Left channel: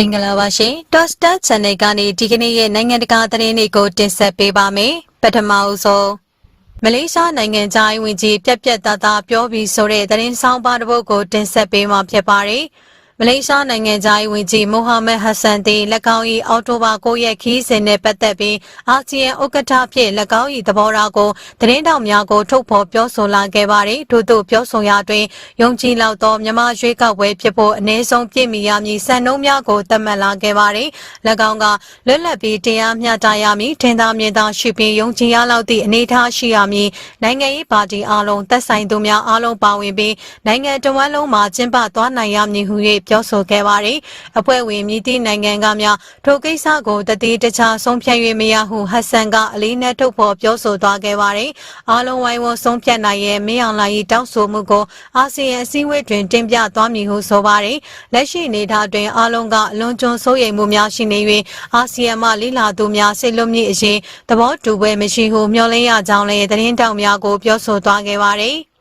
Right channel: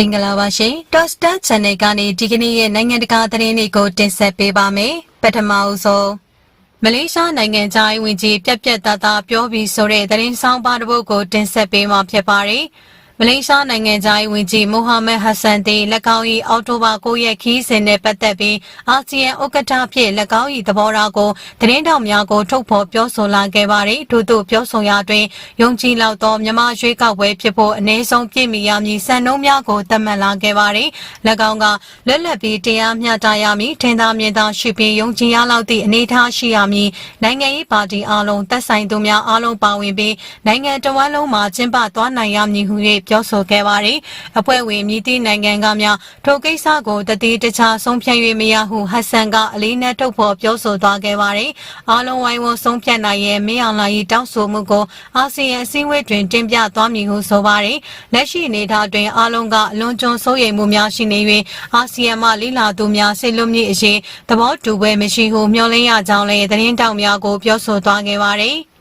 မင်္ဂလာပါရှင် Toaster Channel ကနေဒီကနေ့ရဲ့နိုင်ငံတကာသတင်းတွေကိုတင်ဆက်ပေးပါမယ်ပထမအဆုံးမလေးရှားနိုင်ငံသားဝင်ကြီးပြက်ပြက်သားသားပြောပြီးဆိုတဲ့သတင်းဆောင်ပါတစ်ပုဒ်ကိုတင်ဆက်ပေးမှာဖြစ်ပါတယ် မလေးရှားနိုင်ငံသားဝင်ကြီးမိုဟာမက်ဟဆန်တီ၎င်း၏အော်တိုဘာ9ရက်ခီးစဉ်နဲ့ပတ်သက်ပြီးအာဆီယံဥက္ကဋ္ဌဖြစ်၎င်း၏သဘောထားကိုသတင်းတောက်များကိုထုတ်ဖော်ပြောဆိုလာခဲ့ပါတယ်ထို့သို့ပြောဆိုရာတွင်ယုံကြည်လောက်သောမြမရွေးကောက်ပွဲဖြစ်ဖို့အ ਨੇ ဆုံးပြည့်မီရမည်စံနှုန်းများကိုသတ်မှတ်လာခဲ့ပါတယ်၎င်းကလွတ်လပ်ပြီးတရားမျှတရမည်ထင်သာမြင်သာရှိပြီးယုံကြည်ရလောက်သည့်အနေအထားရှိရမည်နိုင်ငံရေးပါတီအလုံးသက်ဆိုင်သူများအလုံးပါဝင်ပြီးနိုင်ငံတော်ဝန်လုံးမှာကျင်းပသွားနိုင်ရမည်ဟု၍ပြောဆိုခဲ့ပါတယ်အဖွဲ့ဝင်မြည်သည့်နိုင်ငံကများထိုကိစ္စကိုတတိတခြားဆုံးဖြတ်၍မရဟုဟတ်ဆန်ကအလေးနဲ့ထုတ်ဖော်ပြောဆိုသွားခဲ့ပါတယ်အလုံးဝိုင်းဝန်းဆုံးဖြတ်နိုင်ရဲ့မင်းအောင်လှိုင်၏တောင်းဆိုမှုကိုအာဆီယံအစည်းအဝေးတွင်တင်ပြသွားမည်ဟုဆိုပါတယ်လက်ရှိအနေအထားတွင်အလုံးကအလွန်ကျွံစိုးရိမ်မှုများရှိနေ၍အာဆီယံမှလိလာသူများစိတ်လွတ်မြင့်အရေးသဘောတူပွဲမရှိဟုမျှော်လင့်ရကြောင်းလည်းသတင်းတောက်များကိုပြောဆိုသွားခဲ့ပါတယ်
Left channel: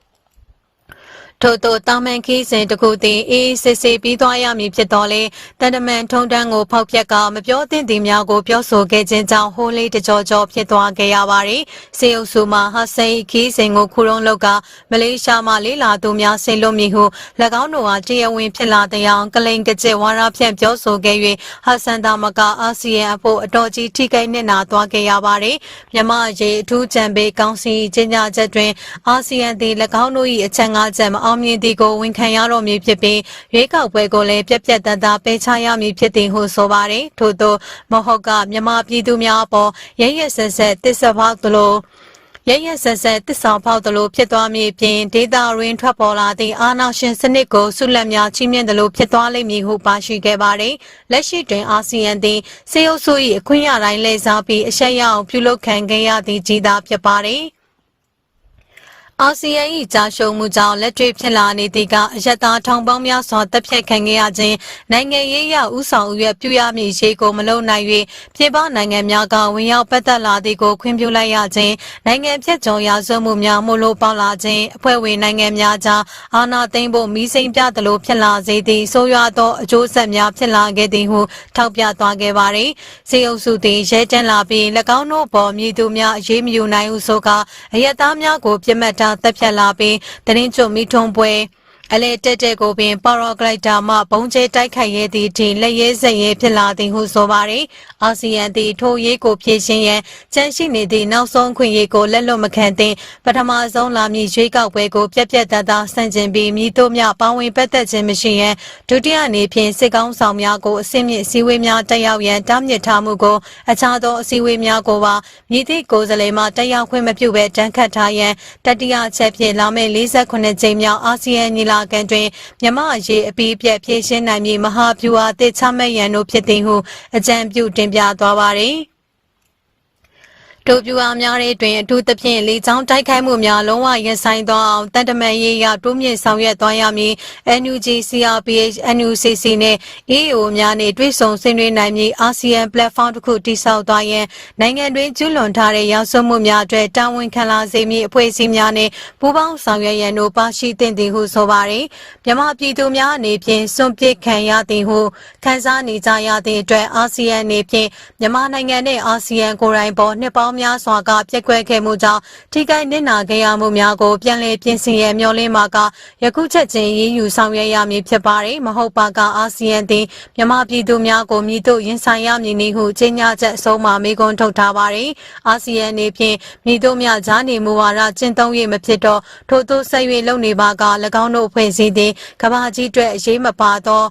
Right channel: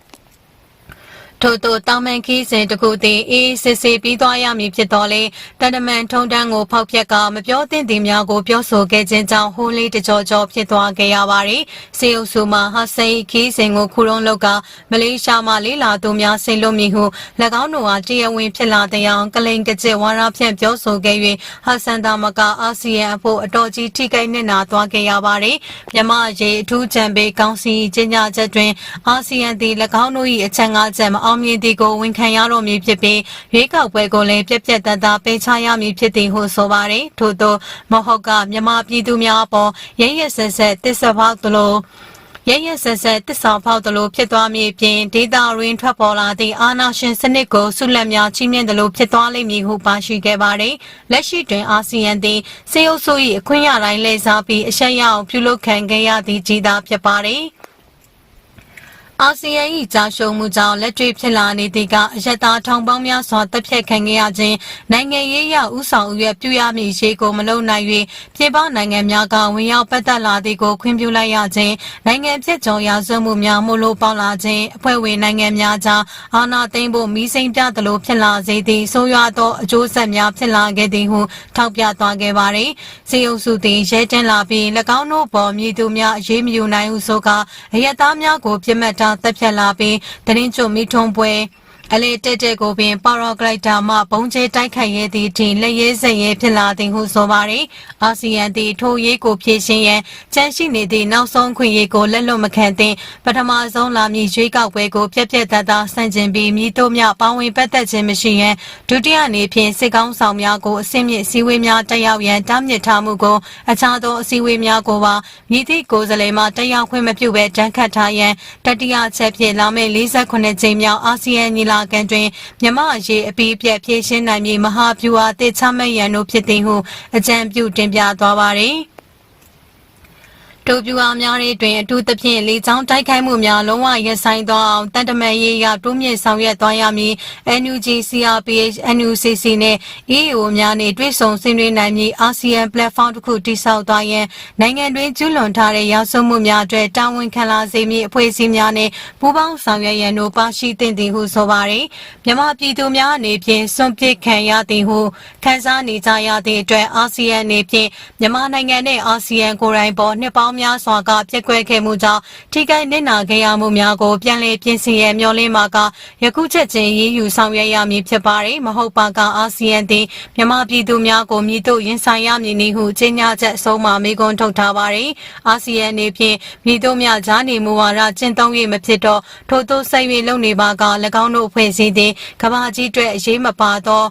ထို့သောတာမန်ခီးစဉ်တစ်ခုသည်အေးစစ်စစ်ပြီးသွားရမည်ဖြစ်တော်လဲတန်တမန်ထုံတန်းကိုဖောက်ပြက်ကမပြောသင့်သည်များကိုပြောဆိုခဲ့ခြင်းကြောင့်ဟိုးလေးတကြောကြောဖြစ်သွားခဲ့ရပါတယ်။စေအုပ်စုမှဟာဆန်ခီးစဉ်ကိုခုရုံးလောက်ကမလေးရှားမှလေးလာသူများဆင်လို့မည်ဟု၎င်းတို့ဟာတရားဝင်ဖြစ်လာတဲ့အောင်ကလိန်ကကျဝါရဖြန့်ပြောဆိုခဲ့၍ဟာဆန်သာမကအာဆီယံအဖို့အတော်ကြီးထိခိုက်နစ်နာသွားခဲ့ရပါတယ်။မြန်မာရေအထူးကြံပေးကောင်းစီကျင်းပချက်တွင်အာဆီယံသည်၎င်းတို့၏အချက်၅ချက်မအောင်မြင်သည်ကိုဝန်ခံရတော့မည်ဖြစ်ပြီးရွေးကောက်ပွဲကိုလည်းပြက်ပြက်တန်းသားပေးချရမည်ဖြစ်သည်ဟုဆိုပါတယ်ထို့သောမဟုတ်ကမြန်မာပြည်သူများအပေါ်ရရဆက်ဆက်တစ္ဆပေါက်သလိုရရဆက်ဆက်တစ္ဆာပေါက်သလိုဖြစ်သွားမည်ပြင်ဒေတာရင်းထွက်ပေါ်လာသည့်အာဏာရှင်စနစ်ကိုဆုလက်များချီးမြှင့်သလိုဖြစ်သွားလိမ့်မည်ဟုပါရှိခဲ့ပါတယ်လက်ရှိတွင်အာဆီယံသည်စေအုပ်စု၏အခွင့်အရေးတိုင်းလဲစားပြီးအရှက်ရအောင်ပြုလုပ်ခံခဲ့ရသည့်ကြီးသားဖြစ်ပါတယ် အာဆီယံ၏ကြာရှုံးမှုကြောင့်လက်တွေ့ဖြစ်လာနေသည့်ကအယက်သားထောင်ပေါင်းများစွာတပ်ဖြတ်ခံခဲ့ရခြင်းနိုင်ငံရေးရဥဆောင်ရွက်ပြုရမည့်ရေကိုမလုံနိုင်၍ပြည်ပနိုင်ငံများကဝင်ရောက်ပတ်သက်လာသည်ကိုခွင့်ပြုလိုက်ရခြင်းနိုင်ငံဖြစ်ကြောရာဇဝမှုများမှုလို့ပေါက်လာခြင်းအဖွဲ့ဝင်နိုင်ငံများကြားအာဏာသိမ်းဖို့မီးစိမ်းပြသလိုဖြစ်လာစေသည့်ဆိုးရွားသောအကျိုးဆက်များဖြစ်လာခဲ့သည်ဟုထောက်ပြသွားခဲ့ပါသည်စေအုပ်စုသည်ရဲတန်းလာပြီး၎င်းတို့ပေါ်မြည်သူများအရေးမယူနိုင်ဟုဆိုကာအယက်သားများကိုပြစ်မှတ်ထားတပ်ဖြတ်လာပြီးတရင်ကျွမိထုံပွဲ အလေတက်တက်ကိုပင်ပါရာဂလိုက်တာမှဘုံကျဲတိုက်ခိုက်ရသည့်တင်လက်ရဲစက်ရဲဖြစ်လာသည်ဟုဆိုပါသည်အာဆီယံသည်ထိုရေးကိုဖြည့်ရှင်းရန်ကြန့်ရှိနေသည့်နောက်ဆုံးခွင့်ရေးကိုလက်လွတ်မခံသင့်ပထမဆုံးလာမည့်ရွေးကောက်ပွဲကိုပြက်ပြက်သားသားဆန့်ကျင်ပြီးမြည်တို့များပါဝင်ပတ်သက်ခြင်းမရှိရန်ဒုတိယအနေဖြင့်စစ်ကောင်းဆောင်များကိုအစင်းမြင့်စည်းဝေးများတက်ရောက်ရန်တားမြစ်ထားမှုကိုအခြားသောအစည်းအဝေးများကိုပါမြည်သည့်ကိုယ်စားလှယ်မှတက်ရောက်ခွင့်မပြုဘဲတန်းခတ်ထားရန်တတိယချက်ဖြင့်လာမယ့်48ကြိမ်မြောက်အာဆီယံညီလာခံတွင်မြမရေအပီးပြက်ဖြည့်ရှင်းနိုင်မည်မဟာဗျူဟာတစ်ချမှတ်ရန်တို့ဖြစ်သည်ဟုအကြံပြုတင်ပြသွားပါသည် တိုပြူအားများတဲ့တွင်အထူးသဖြင့်လေကြောင်းတိုက်ခိုက်မှုများလုံးဝရပ်ဆိုင်းသွားအောင်တန်တမန်ရေးရတိုးမြင့်ဆောင်ရွက်သွားရမည် NUG CRPH NUCC နဲ့ EAO များနဲ့တွဲဆုံဆွေးနွေးနိုင်မည်အာဆီယံ platform တစ်ခုတည်ဆောက်သွားရန်နိုင်ငံတွင်ကျူးလွန်ထားတဲ့ရောက်စွမှုများအတွက်တာဝန်ခံလာစေမည့်အဖွဲ့အစည်းများနဲ့ပူးပေါင်းဆောင်ရွက်ရန်တို့ပါရှိသင့်သည်ဟုဆိုပါရယ်မြန်မာပြည်သူများအနေဖြင့်စွန့်ပစ်ခံရသည်ဟုခန်းစားနေကြရသည့်အတွက်အာဆီယံအနေဖြင့်မြန်မာနိုင်ငံနဲ့အာဆီယံကိုယ်တိုင်ပေါ်နှစ်ပေါင်းများစွာကပြက်ကွက်ခဲ့မှုကြောင့်ထိခိုက်နစ်နာခဲ့ရမှုများကိုပြန်လည်ပြင်ဆင်ရန်မျှော်လင့်မှာကယခုချက်ချင်းရည်ယူဆောင်ရွက်ရမည်ဖြစ်ပါတယ်မဟုတ်ပါကအာဆီယံသည်မြန်မာပြည်သူများကိုမြည်တို့ရင်ဆိုင်ရမည်နည်းဟုကြေညာချက်အဆုံးမှာမေခွန်းထုတ်ထားပါတယ်အာဆီယံအနေဖြင့်မြည်တို့များဂျာနေမူဝါဒကျင့်သုံး၍မဖြစ်တော့ထို့သောဆက်၍လုပ်နေပါက၎င်းတို့အဖွဲ့အစည်းသည်ကမ္ဘာကြီးအတွက်အရေးမပါသော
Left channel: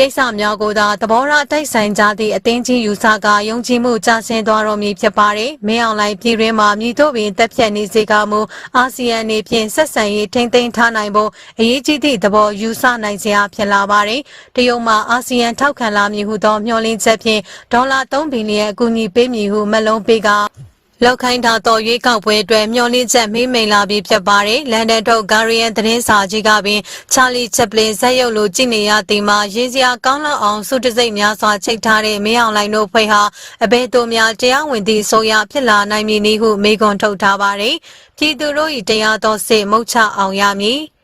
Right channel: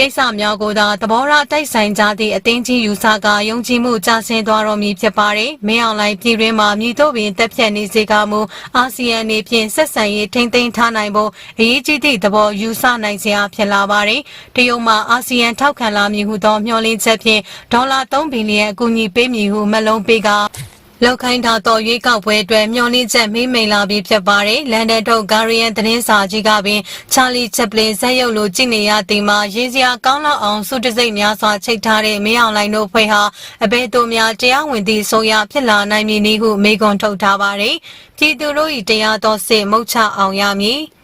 ကိစ္စများကိုသာသဘောထားတိုက်ဆိုင်ကြသည့်အသင်းကြီးယူဆကယုံကြည်မှုကျဆင်းသွားတော်မူဖြစ်ပါတယ်။မင်းအောင်လှိုင်ပြည်တွင်းမှာမြည်တို့ပင်တက်ဖြတ်နေစေကမူအာဆီယံအနေဖြင့်ဆက်ဆံရေးထိမ့်သိမ်းထားနိုင်ဖို့အရေးကြီးသည့်သဘောယူဆနိုင်စရာဖြစ်လာပါတယ်။တရုတ်မှာအာဆီယံထောက်ခံလာမည်ဟုသောမျှော်လင့်ချက်ဖြင့်ဒေါ်လာ3ဘီလီယံအကူအညီပေးမည်ဟုမလုံးပေးက လောက်ခိုင်းတာတော့ရွေးကောက်ပွဲအတွက်မျှော်လင့်ချက်မိမိန်လာပြီးဖြစ်ပါတယ်။လန်ဒန်ထုတ်ဂါရီယန်သတင်းစာကြီးကပင်ချာလီချက်ပလင်ဇက်ရုပ်လိုကြည့်နေရတဲ့မှာရေးစရာကောင်းတော့အောင်စုတစိတ်များစွာချိတ်ထားတဲ့မင်းအောင်လိုင်တို့ဖွဲ့ဟာအဘဲတို့များတရားဝင်သည့်ဆိုရဖြစ်လာနိုင်မည်နည်းဟုမေကွန်ထုတ်ထားပါတယ်။ပြည်သူတို့၏တရားတော်စစ်မုတ်ချအောင်ရမည်။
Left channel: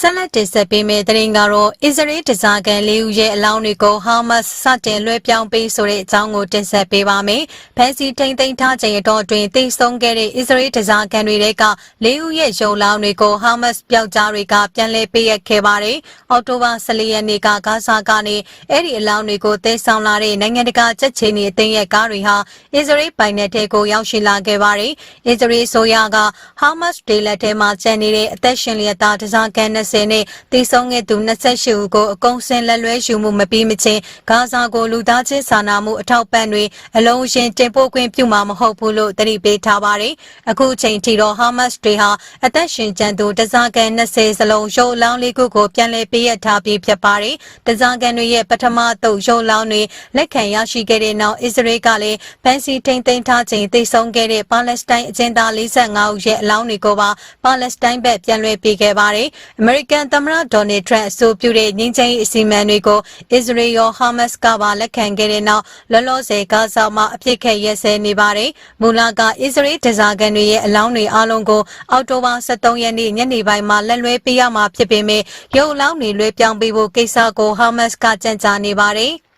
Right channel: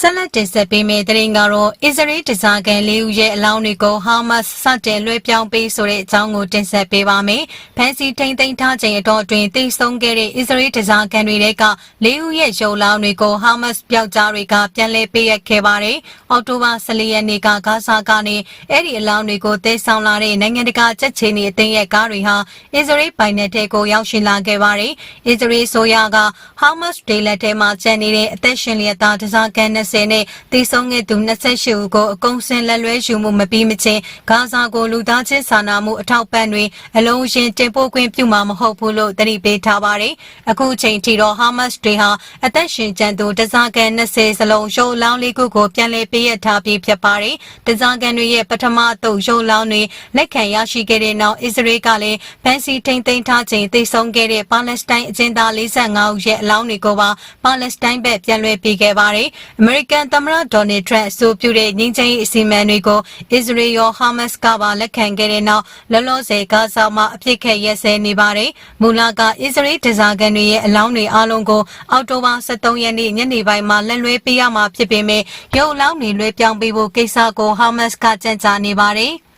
ဆက်လက်တင်ဆက်ပေးမယ့်သတင်းကတော့အစ္စရေးတစားကန်လေးဦးရဲ့အလောင်းတွေကိုဟာမတ်စတင်လွှဲပြောင်းပေးဆိုတဲ့အကြောင်းကိုတင်ဆက်ပေးပါမယ်။ဖန်စီထိန်သိမ်းထားချိန်အတော်တွင်တိတ်ဆုံးခဲ့တဲ့အစ္စရေးတစားကန်တွေကလေးဦးရဲ့ရုံလောင်းတွေကိုဟာမတ်ပျောက်ကြားတွေကပြန်လည်ပေးအပ်ခဲ့ပါတယ်။အော်တိုဘာ14ရက်နေ့ကဂါဇာကနေအဲ့ဒီအလောင်းတွေကိုသိမ်းဆောင်လာတဲ့နိုင်ငံတကာချက်ချီနေအသိရဲ့ကားတွေဟာအစ္စရေးပိုင်နယ်ထဲကိုရောက်ရှိလာခဲ့ပါတယ်။အစ္စရေးဆိုရကဟာမတ်ဒေလက်ထဲမှာကျန်နေတဲ့အသက်ရှင်လျက်သားတစားကန်20နဲ့တည်ဆုံးခဲ့သူ28ဦးကိုအကုန်စင်လက်လွဲယူမှုမပြီးမချင်းဂါဇာကိုလူသားချင်းစာနာမှုအထောက်ပံ့တွေအလုံးရှင်တင်ပို့ခွင့်ပြုမှာမဟုတ်ဘူးလို့တတိပေးထားပါတယ်။အခုချိန်ထိတော့ဟာမတ်တွေဟာအသက်ရှင်ကျန်သူတစားကန်20စလုံးရုပ်လောင်းလေးခုကိုပြန်လည်ပေးအပ်ထားပြီးဖြစ်ပါတယ်။တစားကန်တွေရဲ့ပထမတုပ်ရုပ်လောင်းတွေလက်ခံရရှိခဲ့တဲ့နောက်အစ္စရေးကလည်းဖန်စီထိန်သိမ်းထားချိန်တည်ဆုံးခဲ့တဲ့ပါလက်စတိုင်းအကျဉ်းသား45ဦးရဲ့အလောင်းတွေကိုပါပါလက်စတိုင်းဘက်ပြန်လွှဲပေးခဲ့ပါတယ်။ American သမ္မတဒေါ်နယ်ထရန့်အဆိုပြုတဲ့ငြိမ်းချမ်းရေးအစီအမံတွေကိုအစ္စရေးရောဟာမတ်ကပါလက်ခံခဲ့တဲ့နောက်လောလောဆယ်ဂါဇာမှာအပြစ်ခတ်ရက်စဲနေပါတယ်။မူလကအစ္စရေးဒဇာကန်တွေရဲ့အလောင်းတွေအလုံးကိုအောက်တိုဘာ23ရက်နေ့ညနေပိုင်းမှာလက်လွဲပေးရမှာဖြစ်ပေမဲ့ရုပ်အလောင်းတွေလွှဲပြောင်းပေးဖို့ကိစ္စကိုဟာမတ်ကကြံ့ကြာနေပါတယ်။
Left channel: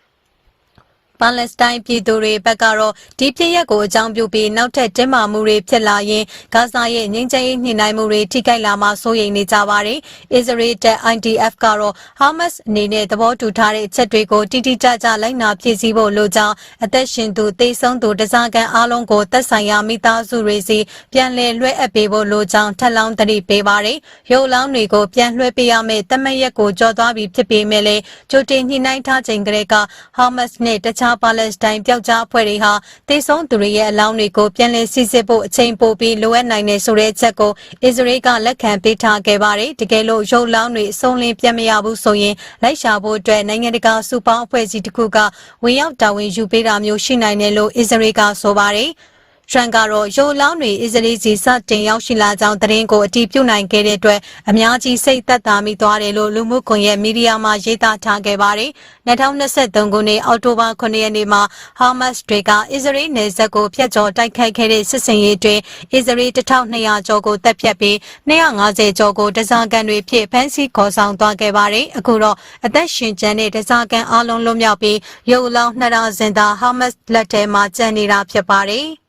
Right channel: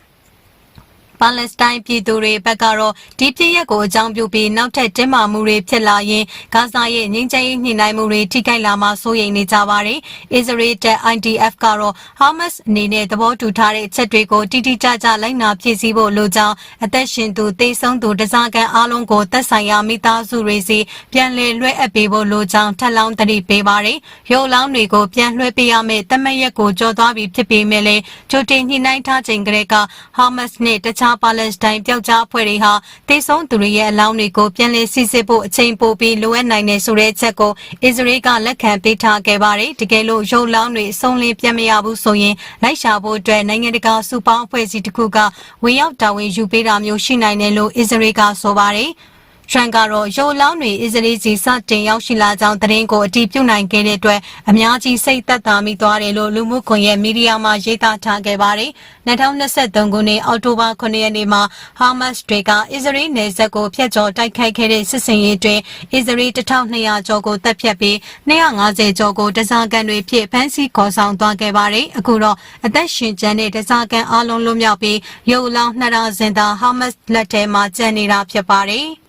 ပါလက်စတိုင်းပြည်သူတွေဘက်ကတော့ဒီပြည့်ရက်ကိုအကြောင်းပြုပြီးနောက်ထပ်တင်းမာမှုတွေဖြစ်လာရင်ဂါဇာရဲ့ငြိမ်းချမ်းရေးညှိနှိုင်းမှုတွေထိခိုက်လာမှာစိုးရိမ်နေကြပါတယ်။အစ္စရေးတပ် IDF ကတော့ဟာမတ်စ်အနေနဲ့သဘောတူထားတဲ့အချက်တွေကိုတိတိကျကျလိုက်နာပြည့်စည်ဖို့လိုကြောင်းအသက်ရှင်သူတေဆုံးသူတစားကန်အားလုံးကိုသက်ဆိုင်ရာမိသားစုတွေစီပြန်လည်လွှဲအပ်ပေးဖို့လိုကြောင်းထပ်လောင်းတတိပေးပါတယ်။ရုပ်လောင်းတွေကိုပြန်လွှဲပေးရမယ့်တမက်ရက်ကိုကြော်သွားပြီးဖြစ်ပေမဲ့လည်းကြိုတင်ညှိနှိုင်းထားချိန်ကလေးကဟာမတ်စ်နဲ့တခြားပါလက်စတိုင်းပျောက်ကြားအဖွဲ့တွေဟာတေဆုံးသူတွေရဲ့အလောင်းတွေကိုပြန်လည်စစ်ဆေးဖို့အချိန်ပိုပြီးလိုအပ်နိုင်တယ်ဆိုတဲ့အချက်ကိုအစ္စရေးကလက်ခံပေးထားခဲ့ပါတယ်။တကယ်လို့ရုပ်လောင်းတွေအဆုံးလင်းပြန်မရဘူးဆိုရင်လိုက်ရှာဖို့အတွက်နိုင်ငံတကာစုပေါင်းအဖွဲ့အစည်းတစ်ခုကဝင်ရောက်တာဝန်ယူပေးတာမျိုးရှိနိုင်တယ်လို့အစ္စရေးကဆိုပါတယ်။ထ ရန်ကတော့ရိုလောင်းတွေအစ္စရေးကြီးစတင်ရောက်ရှိလာကြောင်းသတင်းကိုအတည်ပြုနိုင်ခဲ့တဲ့အတွက်အများကြီးစိတ်သက်သာမိသွားတယ်လို့လူမှုကွန်ရက်မီဒီယာမှာရေးသားထားခဲ့ပါတယ်။2023ခုနှစ်အောက်တိုဘာ9ရက်နေ့မှာဟာမတ်စ်တွေကအစ္စရေးနယ်စပ်ကိုဖျက်ကျော်တိုက်ခိုက်ခဲ့တဲ့စစ်စင်ရေးတွင်အစ္စရေး1200ကျော်ကိုတပ်ဖြတ်ပြီး250ကျော်ကိုတစားကန်တွေဖြစ်ဖမ်းဆီးခေါ်ဆောင်သွားခဲ့ပါတယ်။အခုတော့အသက်ရှင်ကျန်တဲ့တစားကန်အလုံးလုံးမြောက်ပြီးရုပ်လောင်း2000စင်သာဟာမတ်စ်လက်ထဲမှာကျန်နေတာဖြစ်ပါတယ်။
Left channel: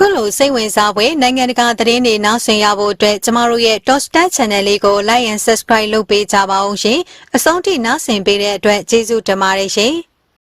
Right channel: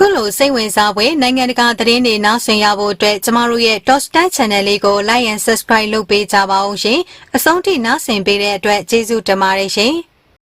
ခုလိုစိတ်ဝင်စားဖွယ်နိုင်ငံတကာသတင်းတွေနားဆင်ရဖို့အတွက်ကျမတို့ရဲ့ Top Channel လေးကို Like and Subscribe လုပ်ပေးကြပါဦးရှင်။အဆုံးထိနားဆင်ပေးတဲ့အတွက်ကျေးဇူးတင်ပါတယ်ရှင်။